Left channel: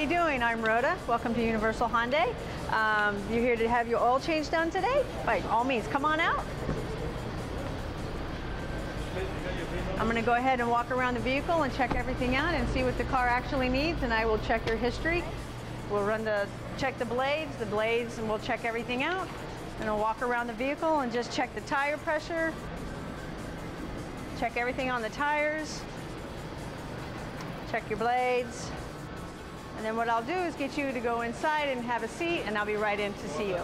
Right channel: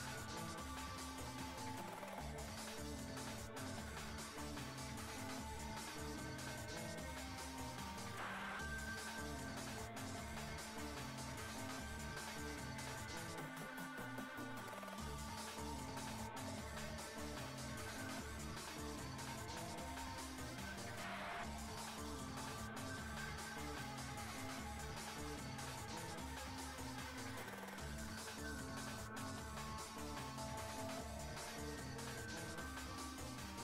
you doing? I'm Rhoda. Welcome to Universal Hyundai. You're here to have your oil change done today? By all means, come on out. I'm going to go ahead and walk around the vehicle and check everything out and see what the car actually needs, and I will check your history. We'll check the blades, and we'll check everything out. And I'll walk around the vehicle and just check the tire pressure, check everything on the tires, check your blades. And then what I'll do is get you to go inside and have a seat, and I'll be right in to see you.